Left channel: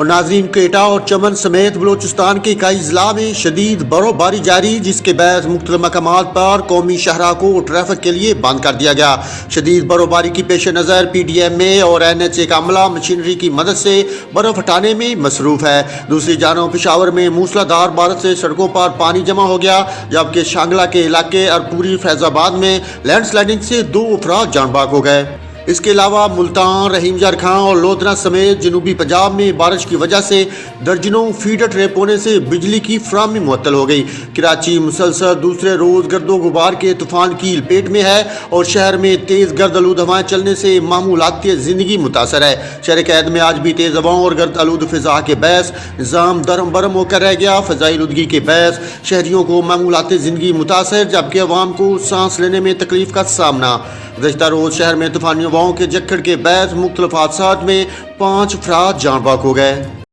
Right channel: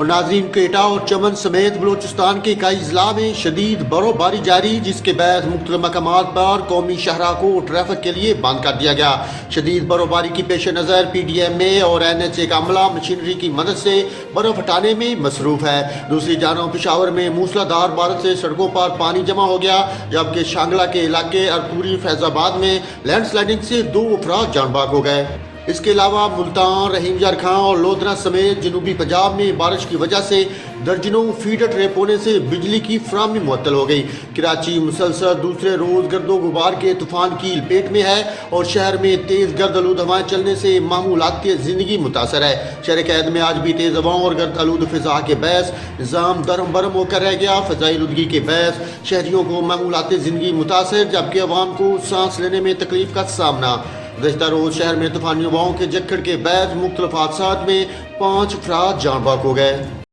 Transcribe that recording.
اور ناظرین، کوئٹہ اور چمن سمیت بلوچستان کے کئی اضلاع میں شدید برف باری جاری، جس کے باعث مختلف مقامات پر قومی شاہراہ کو ٹریفک کے لیے بند کر دیا گیا۔ شدید برف باری کی پیش نظر پی ڈی ایم اے اور NHA کا عملہ مشینری کی مدد سے برف ہٹانے میں مصروف ہے۔ دوسری جانب پشاور میں موسلادھار بارش سے سڑکوں پر پانی جمع ہو گیا، جبکہ شانگلہ کے علاقے ارپوری فیض آباد میں لینڈ سلائڈنگ سے 2 افراد جان بحق ہو گئے۔ اس کے علاوہ ملتان، رحیم جارکھاں اور لودھنا سمیت جنوبی پنجاب میں بارش کی وجہ سے درجنوں فیڈر ٹریپ ہونے سے بجلی کی فراہمی معطل ہو گئی۔ کراچی مسلسل دوسرے روز گرد و غبار کے طوفان کی لپیٹ میں ہے اور شہر میں تیز گرد آلود ہوائیں چلنے سے معمولات کی زندگی متاثر ہے۔ شہر قید میں آج بھی تیز ہواؤں اور گرد آلود فضا کے باعث نظام درہم برہم ہو کر رہ گیا۔ فضائی آلودگی کے باعث شہریوں کو معمولات زندگی متاثر، جبکہ عوام کو سانس لینے میں تکلیف کا سامنا۔ گزشتہ روز شہر میں طوفانی ہواؤں کے جھکڑ کے باعث مختلف حادثات میں 5 افراد جان بحق ہو گئے۔